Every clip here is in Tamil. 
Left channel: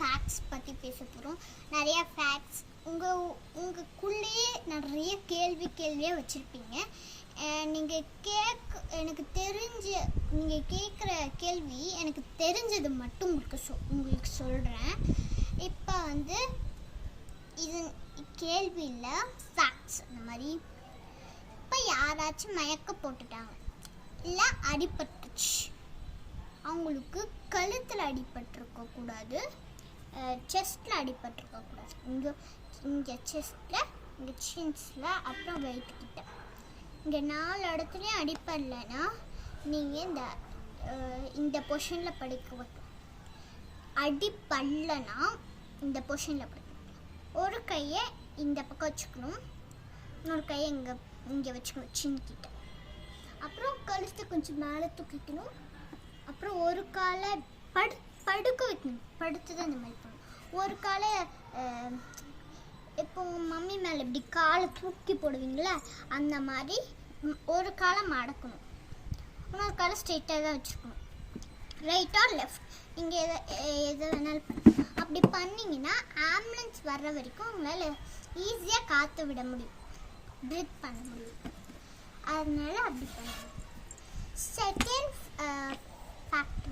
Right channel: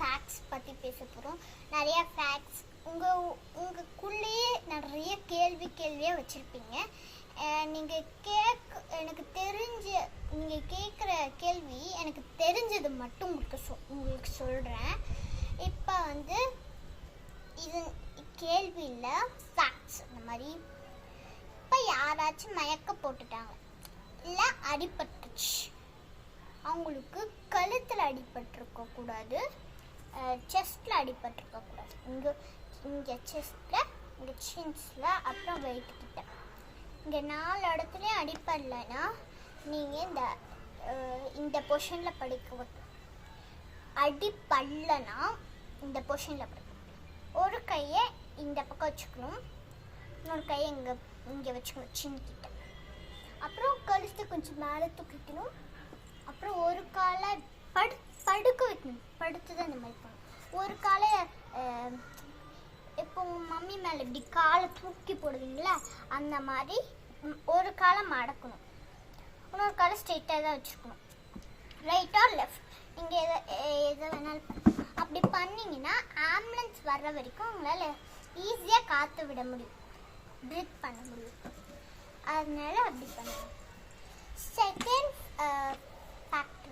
ஃபேக்ட்ஸ் பற்றி பேச போகிறோம். நிறைய ஃபேக்ட்ஸ் உங்களுக்குள்ளேயே நிறைய கேள்வியாக வச்சுருப்பீங்க. நீங்கள் எனக்கு தெரிஞ்ச நீங்கள் கேட்குற கேள்வி எனக்கு தெரிஞ்சது மட்டும் உங்களுக்கு சொல்கிறேன். இப்போ இது கேள்வி இல்லை, ஃபேக்ட்ஸ். அந்த மாதிரி இப்போ யாராச்சும் மயக்க போட்டுட்டாங்க, இல்லை அடிபட்டுச்சு, அவங்களுக்கு கழுத்தில் அடிபட்டிருக்கக்கூடாது, செஸ்ட்டில் அடிபட்டிருக்கக்கூடாது. இங்கே செஸ்ட்டில், இங்கே சின்ஸில், அப்புறம் வெயிட்டுக்கிட்ட, இங்கே 4 இடத்துலையும் அடிப்படலைன்னா நீங்கள் இந்த பொசிஷனில் படிக்க வைக்கணும். அடிப்படலைன்னா இந்த பொசிஷனில் படிக்கணும். ஒரு கையை இந்த பக்கம் வச்சுக்கணும், இன்னொரு கையை இங்கே வச்சுக்கணும் சின்கிட்ட. அப்புறம் கழுத்து கொஞ்சம் மேலே தூக்கிக்கணும். அப்புறம் ஒரு காலை படுக்க வைக்கணும். படுத்து தான் இந்த மாதிரி பண்ணணும். ஒரு காலை இப்போ உங்கள் மம்மி மேலே இப்படி காலை தூக்கி போடுவீங்களா, அந்த மாதிரி ஒரு காலை மடக்கணும், இன்னொரு காலை ஸ்ட்ரெயிட்டாக தான் வச்சுக்கணும். ரைட் ஆர் லெஃப்ட் நீங்கள் எதை வேணாலும் பண்ணணும். அப்படி பண்ணிங்கன்னா ஆம்புலன்ஸ் வர்ற வரைக்கும் உங்களால் ஈஸியாக காற்று விட முடியும், ப்ரீத் பண்ண முடியும். அதனால அப்படி பண்ணணும். செகண்ட் ஃபேக்ட்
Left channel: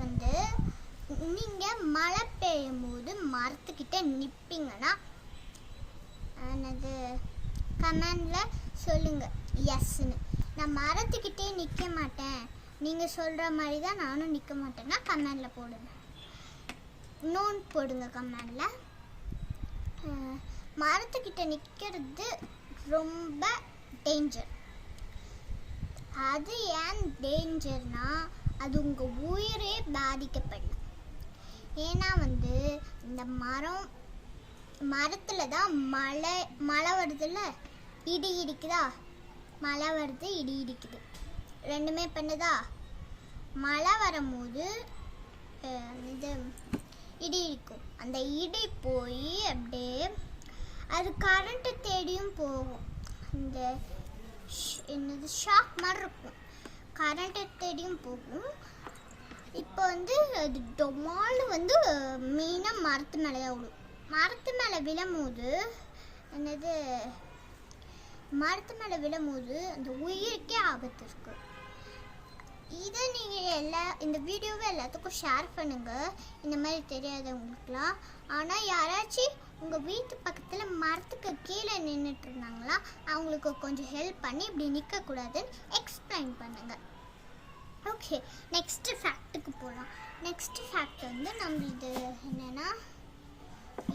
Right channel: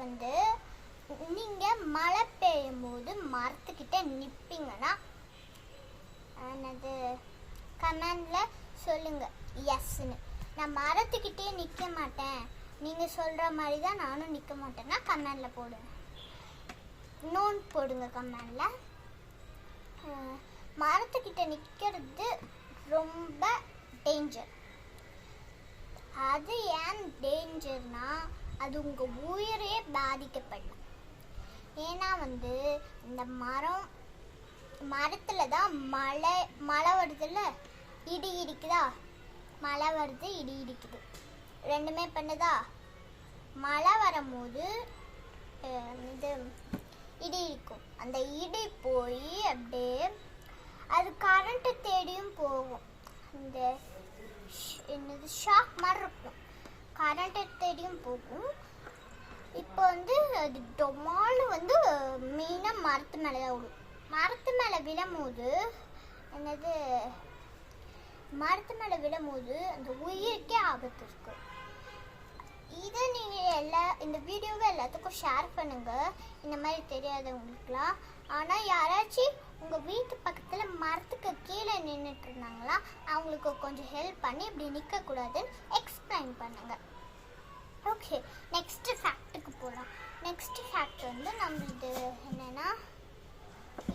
நீங்கள் மழை பெய்யும் போது மரத்துக்கிட்ட நிற்பீங்கன்னா கமெண்டில் சொல்லுங்கள் எஸ்ன்னு. நான் மரத்துக்கிட்டே நிற்க மாட்டேன், நீங்கள் சொல்கிற மாதிரி தான் நானும் நிற்க மாட்டேன்னா கமெண்டில் போடுங்க, நோன் போடுங்க கமெண்டில். மரத்துக்கிட்ட நிற்கிறது ரொம்ப டேஞ்சர். அது ஏன் டேஞ்சர்னா, அது உங்கள் உயிரே பாதிக்கப்படலாம். ஏன்னா இந்த மரத்தில் தான் மழை வருதுல்ல, இடி இடிக்குதா, மழை வருது இடி இடிக்குது, ரெண்டுமே பண்ணுதா. மழை வரும்போது இது இடி இடிக்கும். அந்த இடி போய் அப்படியே அது கரண்ட்டு தேடியும் போகும். இந்த ஷாக் மாதிரி இருக்கும், கரண்ட்டு தேடியும் போகும். இப்போ அது டொமால் மெயினாக மரத்து மேலே தான் விடும். மரத்து மேலே விழும்போது மரத்து மேலே விழும்போது அந்த உயிருக்கே ஆபத்து இருக்கு. இதை நீங்கள் இந்த வீடியோவை எல்லாத்துக்கும் ஷேர் பண்ணுங்கள், இந்த மாதிரி தெரியாதவங்களுக்குலாம். ஆனால் யாராச்சும் உங்கள் வீட்டு பக்கத்தில் மரத்துக்கு கீழே நின்றுட்டு இருந்தாங்களா, அவங்களுக்கு கொஞ்சம் ஹெல்ப் பண்ணி இப்படி நிற்கக்கூடாதுன்னு எக்ஸ்பிளைன் பண்ணுங்கள். ஓகே, நெக்ஸ்ட்டு ஃபேக்ட்டுக்கு போகலாம். நெக்ஸ்ட்டு ஃபேக்ட் நம்மளுது என்னென்னா,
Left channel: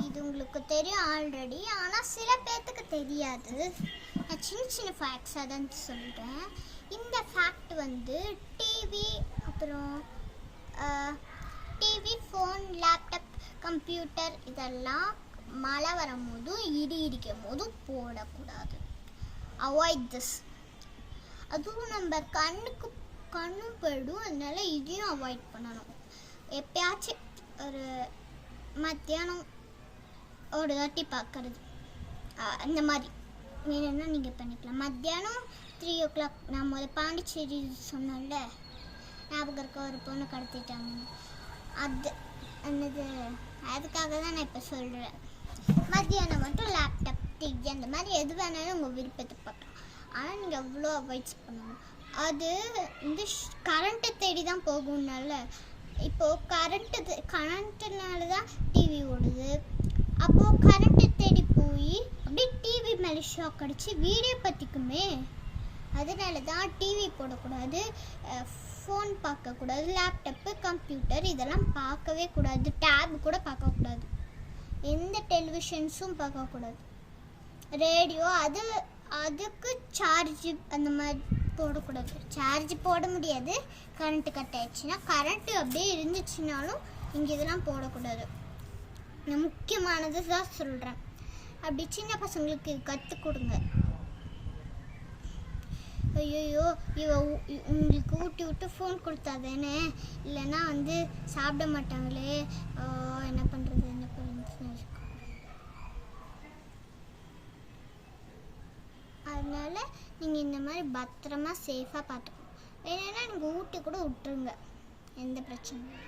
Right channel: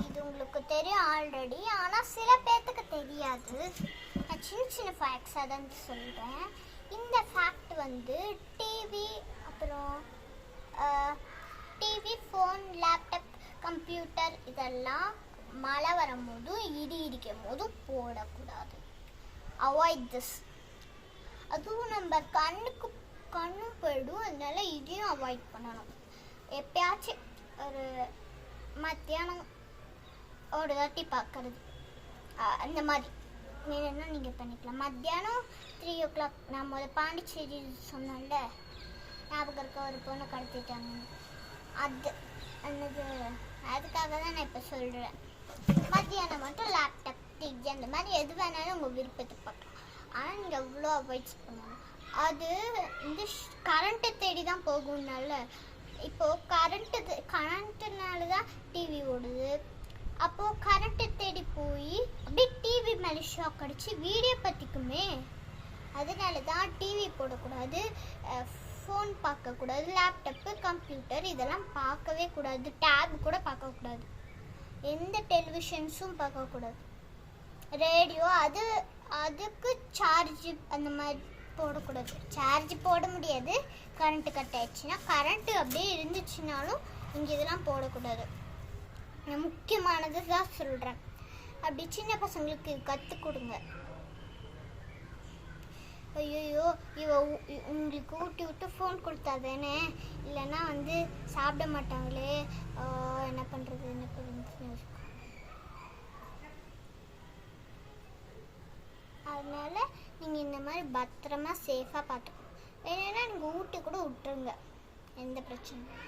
இது உங்களுக்கு தெரியும் ஆல்ரெடி, ஆனால் சில பேர்த்துக்கு தெரியாது. நான் சின்ன ஃபேக்ட்ஸாக தான் சொல்கிறேன். இந்த ஃபேக்ட் டிவி, அப்புறம் டிவி, ஃபோன், லேப்டாப், கம்ப்யூட்டர் இதெல்லாம் மழை வரும்போதும் இடி இடிக்கும் போதும் போடக்கூடாது. Avoid this. அதுவும் நம்ம கண்ணும் போயிடும், அதனால இதையும் அவாய்ட் பண்ணணும். எப்பயாச்சும் ஒரு மத்தியானம் ஒரு தாட்டி பார்க்கறது, அந்த மாதிரி வேணும்னா நீங்கள் பண்ணிக்கலாம். மத்தியானம் 3 o'clock நான் பாண்டிச்சேரி சொன்னேன்ல, ஞாபகம் இருக்க, ஒரு பொண்ணு கடத்திட்டாங்க. அதுக்காக தான் நான் இப்போ சொல்கிறேன். மத்தியானம் மட்டும் லேப்டாப், டிவி அந்த மாதிரி எது வேணாலும் உங்கள் விருப்பத்தை பார்க்கலாம். ஆனால் நீங்கள் அவ்வளோ அவாய்ட்ஸ் பண்ணணும். அது கரண்ட்டை தேடி தான் போகும்னால, இப்போது கரண்ட்டுனால தான் டிவி ஓடுது. அப்போது கரண்ட்டை தேடி போய் அப்படியே டிவி மேலே ஷாக் அடித்து வீடியோ பற்றிக்குமே. அதனால தான் டிவி போடக்கூடாது, ஃபோன் பார்க்கக்கூடாது, லேப்டாப்பு, கம்ப்யூட்டர் இதெல்லாம் பார்க்கவே கூடாது, டேப் கூட பார்க்கக்கூடாது, எந்த டெலிவிஷன்ஸும் பார்க்கக்கூடாது, ரேடியோ அதுக்கு சார்ஜ் அந்த மாதிரி போடக்கூடாது. சார்ஜ் போட முடியாது, கரண்ட்டு கட் ஆயிடுச்சுன்னா. கரண்ட்டு அப்படியே இருந்துச்சுனாலும் இங்கே இதெல்லாம் போடக்கூடாது. நான் முக்கியமானது தான் சொல்கிறேன். அப்படி சின்ன பசங்களுக்கு கற்றுக் கொடுங்க. ஐயோ உங்களுக்கு ஊட்டி விட்டு ஃபோன் கொடுத்தா தானே, இல்லைன்னா சாப்பிட மாட்டாங்களே, என்ன பண்ணுறது அதனால நீங்கள் இந்த மாதிரி பத்திரமா சேஃபாக பார்த்துக்கணும். வேணும்னா நீங்கள் ஊட்டி கூட விட்டுருங்க, எந்த பிரச்சனையும்.